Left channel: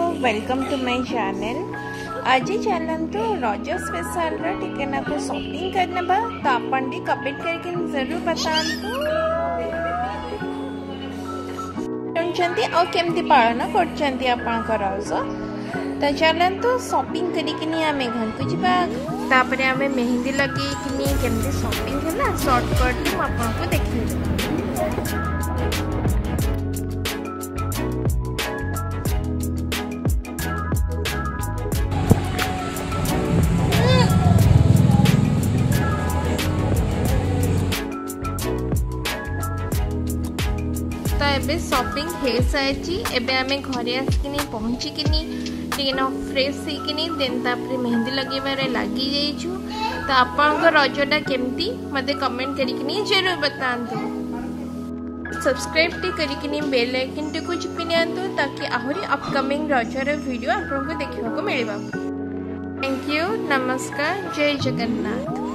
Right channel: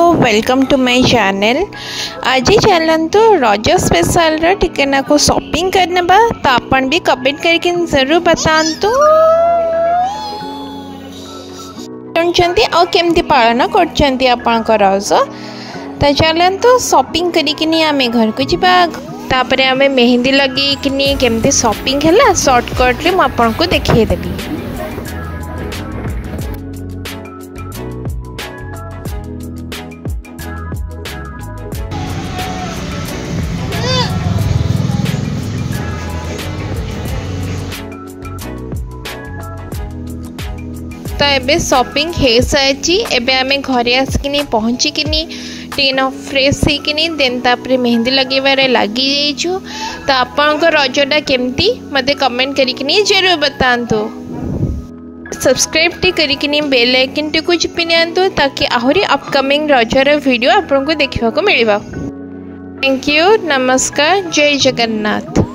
Welcome to my channel. आज चलतु रज स्पेशल टिके को शॉपिंग करने तो आपन भी कमेंट करके जरूर बतातु केमती पालन कर रज। तो चलतु शॉपिंग करिकिनी आमे घर को जीवा तापर आमे मेहंदी लगे केमती शॉपिंग है शॉर्टकट रे आपन को देखिदेवी। तो एबे शॉपिंग हो सारी एबे आमे घरे आसिकिनी पहुँचिकिनी टीना फ्रेश होकिनी देन तापर मेहंदी लगेबारे लगी जाइछु। तो आपन रजटा केमती मते कमेंट करिकिनी जरूर बतांतु। सब्सक्राइब टी करिकिनी बेल आइकन टी को चिपि नियंतु ताकि आहुरी अपकमिंग रजर वीडियो आपन को देखिबा को मिलिबा। थैंक यू, नमस्कार, जय जगन्नाथ।